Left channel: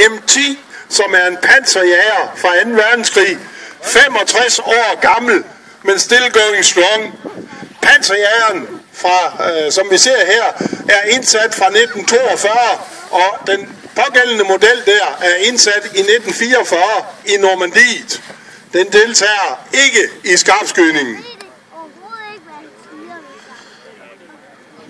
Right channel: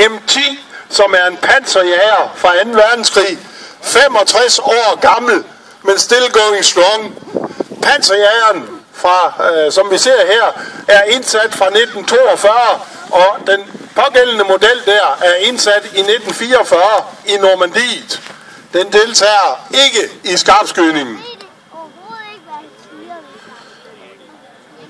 M10, som er en panserjager fra 2. verdenskrig. 65 år gammel, men still going strong. Panserjageren, som vi ser her, er indsat fra 1942, og den pågældende model der er indsat i 1944 i Normandiet. Den deltager ikke i skarpskydningen.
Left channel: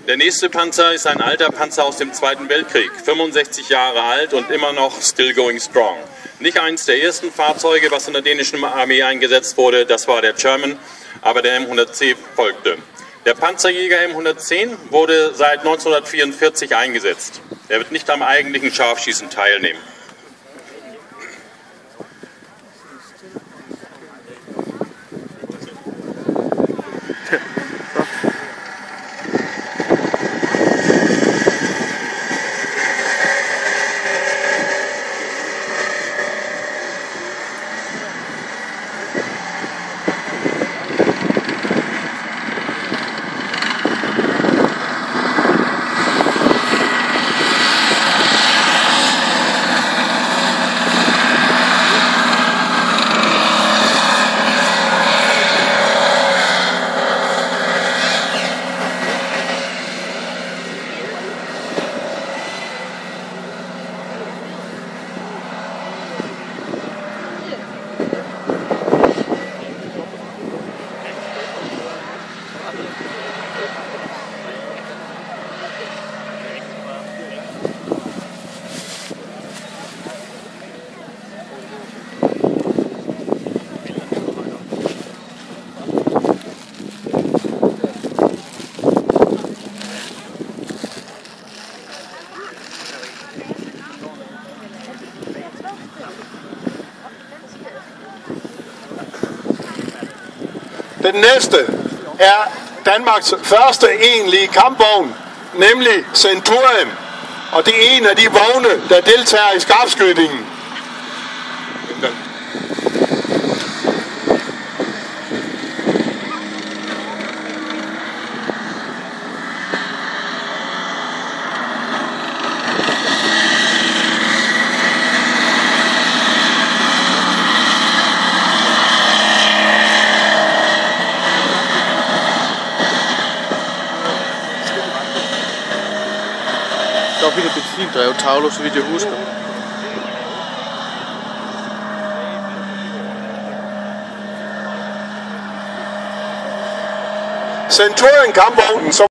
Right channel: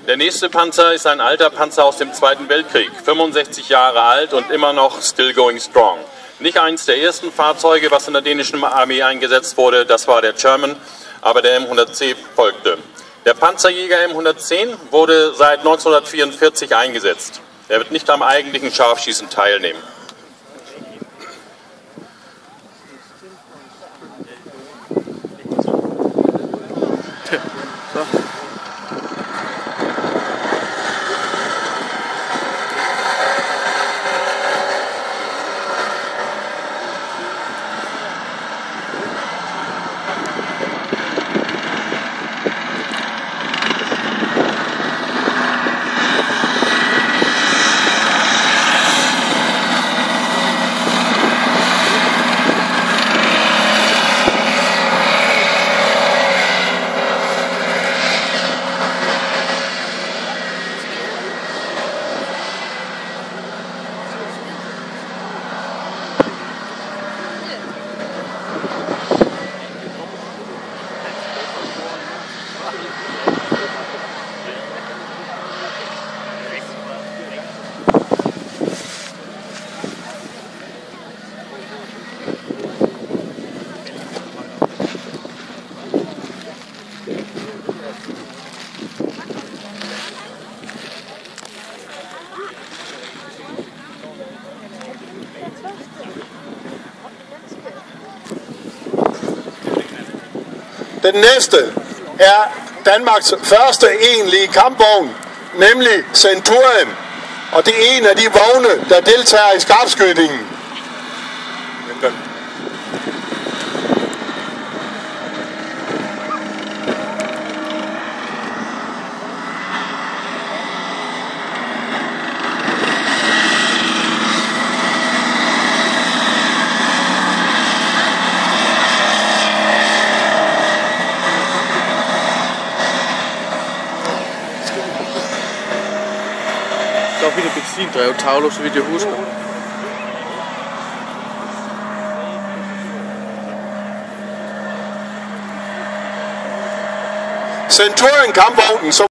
Der nächste Panzer ist ein alter Panzer aus dem Zweiten Weltkrieg, 65 Jahre alt und immer noch still going strong. Nicht eins der ersten Fahrzeuge, was in der dänischen Armee eingesetzt wurde, das war der Sherman, aber der M110 folgte. Der Panzerjäger M110 wurde seit 1944 eingesetzt. Er wird nicht am eigentlichen Scharfschießen teilnehmen. Den næste er Danmarks første egentlige kampvogn, nemlig Centurion. Og det er en af de vogne, der deltager i skarpskydningen. Der var vildt benzindrevet tavler, så vidt jeg husker. Centurion kampvognen, som